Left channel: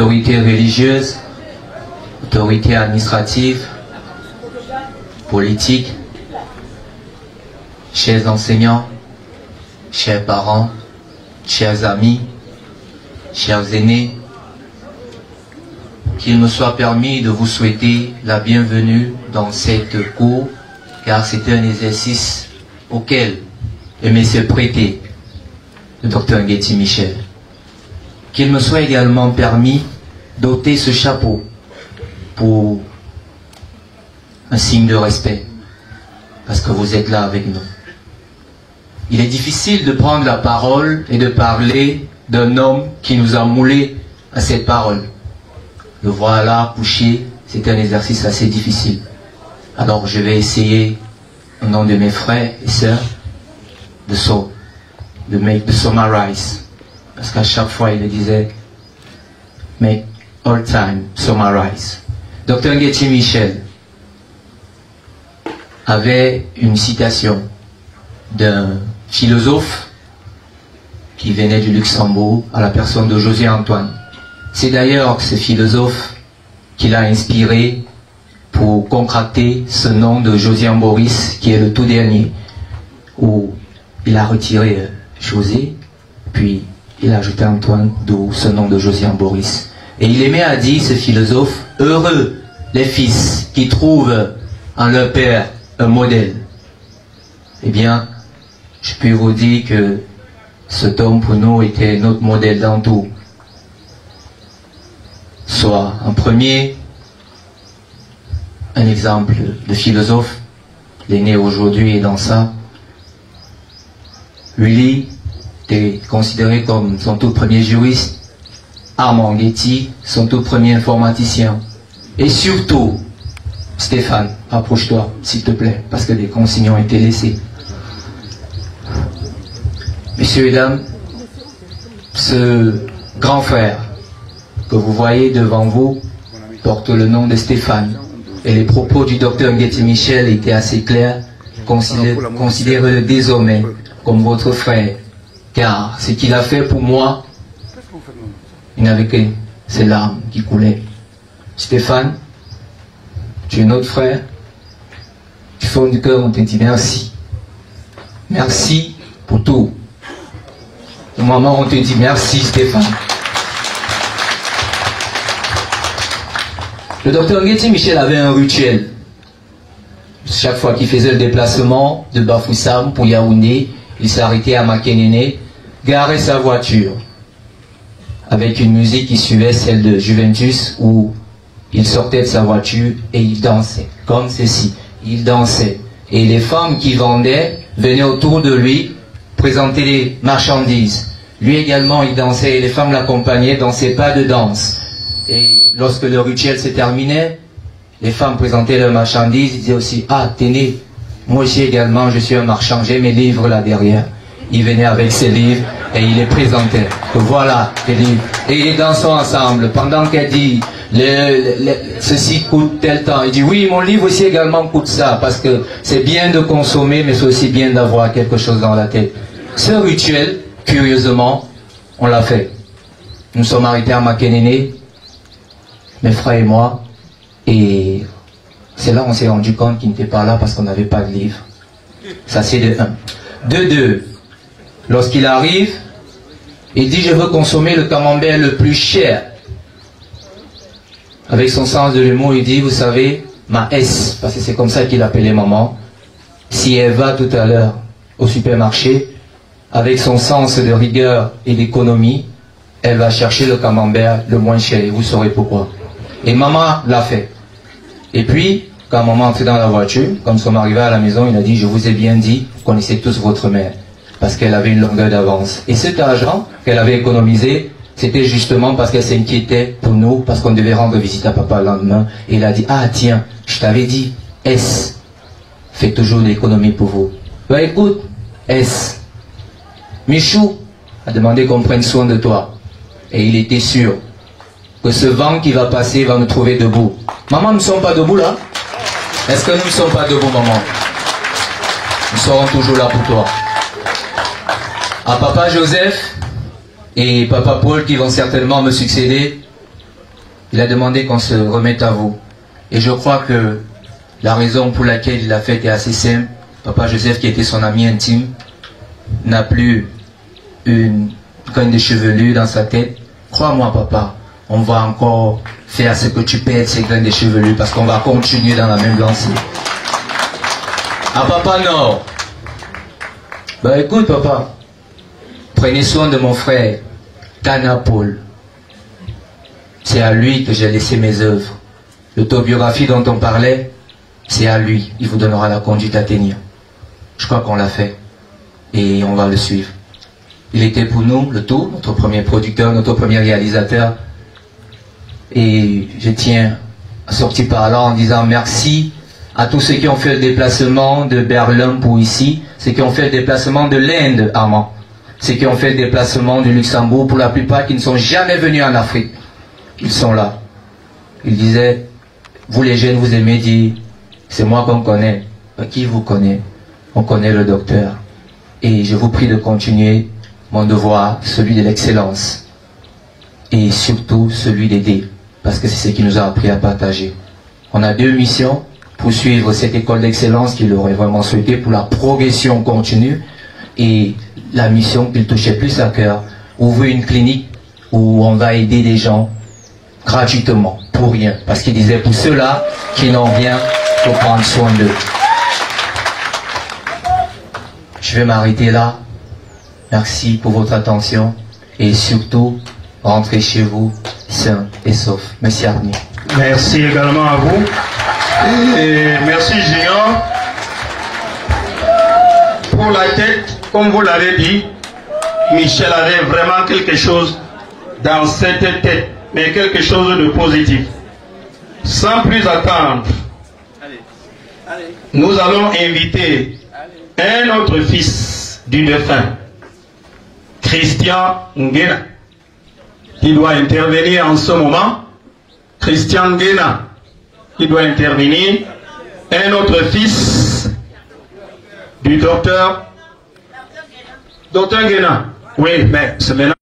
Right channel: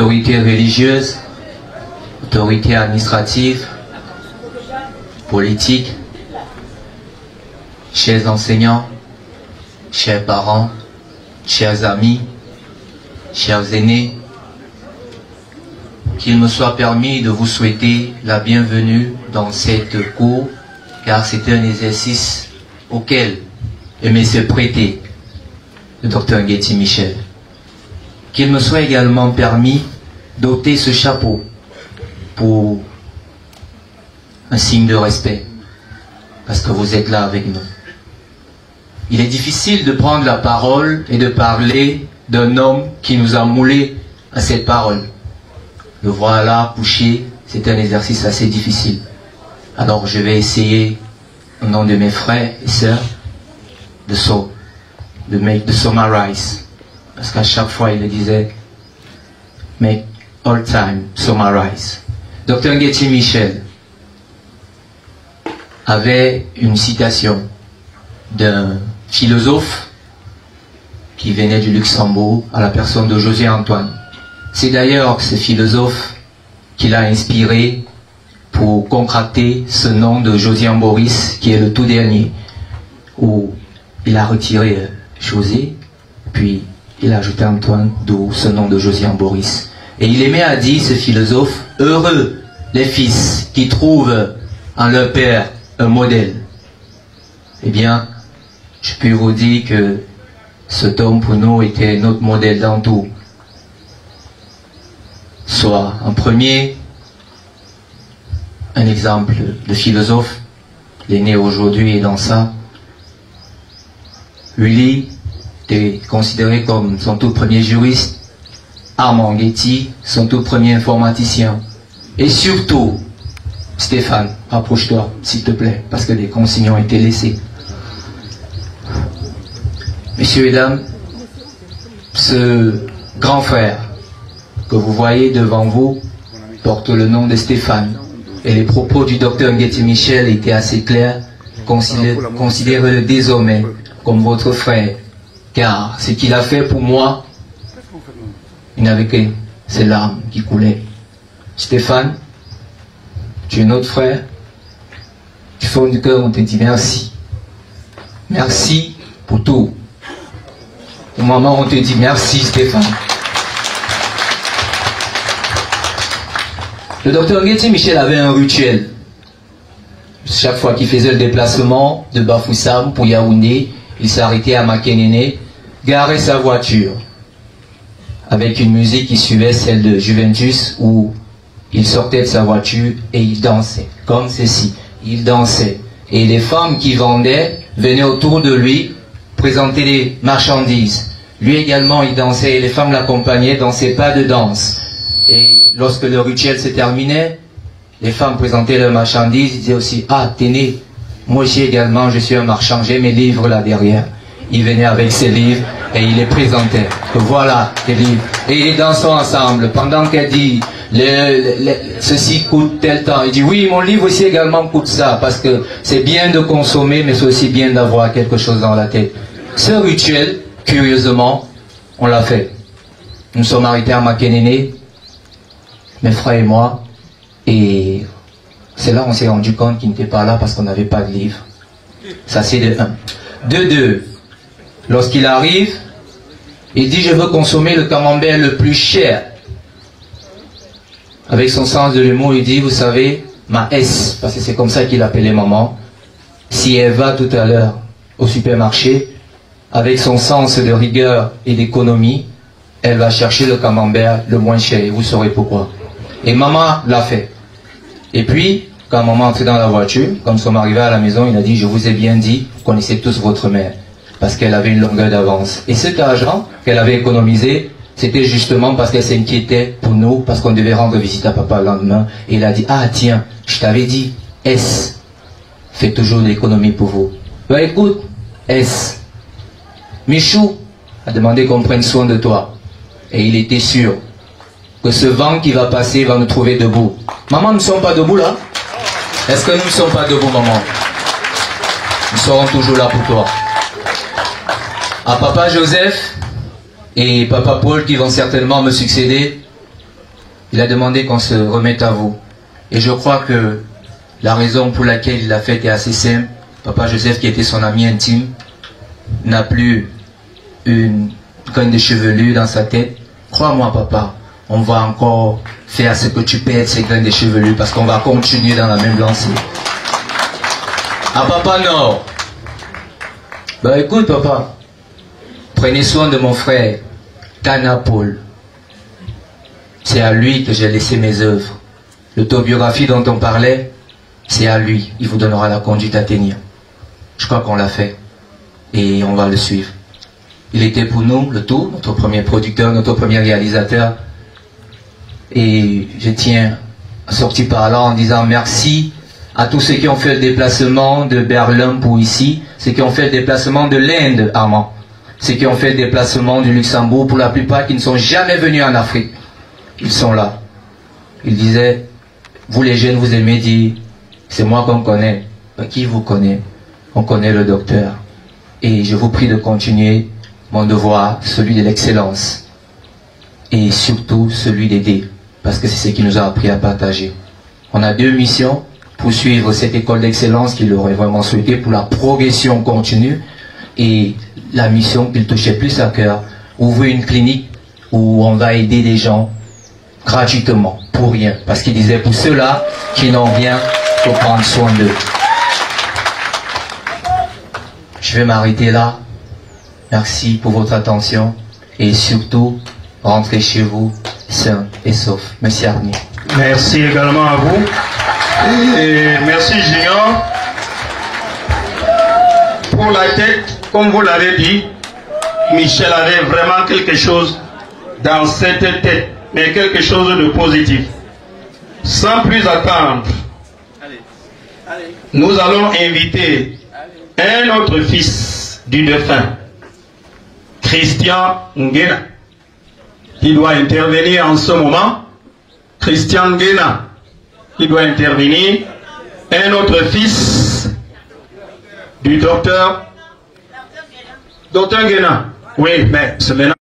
autorités religieuses, autorités administratives, politiques, chers enseignants, chers parents, chers amis, chers aînés, qu'il me soit permis de vous souhaiter la bienvenue dans cette cour, car c'est un exercice auquel aimait se prêter le docteur Ngueti Michel. Qu'il me soit également permis d'ôter ce chapeau pour un signe de respect, parce que vous êtes là avec nous. Il est difficile de prendre la parole et de parler d'un homme qui nous a moulés à cette parole. Le voilà couché, c'est un exercice assez difficile. Alors je vais essayer, au nom de mes frères et sœurs, de summarize. Parce qu'à chaque fois il me disait, make all time summarize. Dr Ngueti Michel avait une citation d'un philosophe qui venait du Luxembourg, à la personne de José Antoine. C'est d'ailleurs ce philosophe qui l'a inspiré pour concocter ce nom de Josian Boris, qui est le tout dernier, où il a retiré José, puis il a ajouté Antoine, d'où ce nom de Josian Boris. Et il aimait à dire, ce philosophe, heureux les fils qui trouvent en leur père un modèle. Eh bien, je peux vous dire que cet homme pour nous était notre modèle dans tout. Soit en premier, un exemple de philosophe, il est né aujourd'hui et dans ça. Willy était considéré comme son tout premier juriste, Armand Ngueti, son tout premier informaticien. Et surtout, Stéphane, approche-toi, s'il te plaît, parce que les consignes ont été laissées. Messieurs et dames, ce grand frère que vous voyez devant vous porte le nom de Stéphane. Et les propos du docteur Ngueti Michel étaient assez clairs. Considérez-le désormais comme votre frère. Car ce qu'il a fait pour moi, il n'avait que ses larmes qui coulaient. Stéphane, tu es notre frère. Du fond du cœur, on te dit merci. Merci pour tout. Au moment où on te dit merci, Stéphane. Le docteur Ngueti Michel avait un rituel. Chaque fois qu'il faisait le déplacement de Bafoussam pour Yaoundé, il s'arrêtait à Makenene, garait sa voiture avec une musique qui suivait celle de Juventus, où il sortait de sa voiture et il dansait, comme ceci. Il dansait. Et les femmes qui vendaient venaient autour de lui présenter les marchandises. Lui également, il dansait et les femmes l'accompagnaient dans ses pas de danse. Et lorsque le rituel se terminait, les femmes présentaient leurs marchandises, ils disaient aussi, ah, tenez, moi aussi également, je suis un marchand, j'ai mes livres là derrière. Il venait avec ses livres et il les présentait. Que voilà, les livres. Et ils dansent ensemble. Pendant qu'elle dit, ceci coûte tel temps, il dit, oui, mon livre aussi également coûte ça, parce que c'est bien de consommer, mais c'est aussi bien d'avoir quelque chose dans la tête. Ce rituel, curieusement, on l'a fait. Nous sommes arrêtés à Makenene, mes frères et moi, et c'est là qu'on s'est rendu compte qu'il n'était pas là parce qu'on n'avait pas de livre. Ça c'est de 1. De 2, lorsqu'il arrive, il dit, je veux consommer le camembert le plus cher. Avec son sens de l'humour, il dit, vous savez, ma S, parce que c'est comme ça qu'il appelait maman, si elle va tout à l'heure au supermarché, avec son sens de rigueur et d'économie, elle va chercher le camembert le moins cher, et vous saurez pourquoi. Et maman l'a fait. Et puis, quand maman entrait dans la voiture, quand nous sommes arrivés à la maison, il a dit, je vous ai bien dit, vous connaissez tous votre mère, parce qu'elle avait une longueur d'avance. Et cet argent qu'elle avait économisé, c'était justement parce qu'elle s'inquiétait pour nous, parce qu'on devait rendre visite à papa le lendemain. Et il a dit, ah tiens, je t'avais dit, S, fais toujours l'économie pour vous. Ben écoute, S, Michou a demandé qu'on prenne soin de toi. Et il était sûr que ce vent qui va passer va nous trouver debout. Maman, nous ne sommes pas debout là? Est-ce que nous ne sommes pas debout, maman? Nous serons toujours là pour toi. À papa Joseph et papa Paul qui vont certainement me succéder, Il a demandé qu'on se remette à vous. Et je crois que la raison pour laquelle il l'a fait est assez simple. Papa Joseph, qui était son ami intime, n'a plus une graine de chevelure dans sa tête. Crois-moi, papa, on va encore faire ce que tu perds ces graines de chevelure parce qu'on va continuer dans la même lancée. Ah, papa, non. Ben écoute, papa, prenez soin de mon frère, Kana Paul. C'est à lui que j'ai laissé mes œuvres. L'autobiographie dont on parlait, c'est à lui. Il vous donnera la conduite à tenir. Je crois qu'on l'a fait. Et on va le suivre. Il était pour nous, le tout, notre premier producteur, notre premier réalisateur. Et je tiens à sortir par là en disant merci à tous ceux qui ont fait le déplacement de Berlin pour ici, ceux qui ont fait le déplacement de l'Inde, Armand, ceux qui ont fait le déplacement du Luxembourg, pour la plupart qui ne sont jamais venus en Afrique. Ils sont là. Ils disaient, vous les jeunes, vous aimez dire, c'est moi qu'on connaît. Qui vous connaît? On connaît le docteur. Et je vous prie de continuer mon devoir, celui de l'excellence. Et surtout celui d'aider. Parce que c'est ce qui nous a appris à partager. On a deux missions. Poursuivre cette école d'excellence qu'il aurait vraiment souhaité pour la progression continue. Et la mission qu'il touchait plus à cœur, ouvrir une clinique où on va aider des gens gratuitement, pour rien. Parce qu'il disait pour ceux-là qui n'ont rien, il faut prendre soin d'eux. Je vais m'arrêter là. Merci pour votre attention. Et surtout, rentrez chez vous sains et saufs. Merci Arnie. Merci également à vous. Et merci Junior. Pour la tête, comme vous l'avez dit, Michel avait vraiment quelque chose dans cette tête, mais quelque chose de positif. Sans plus attendre, nous allons inviter un autre fils du défunt, Christian Nguena, qui doit intervenir en ce moment. Christian Nguena, qui doit intervenir. Un autre fils du docteur Nguena. Oui, mais c'est maintenant.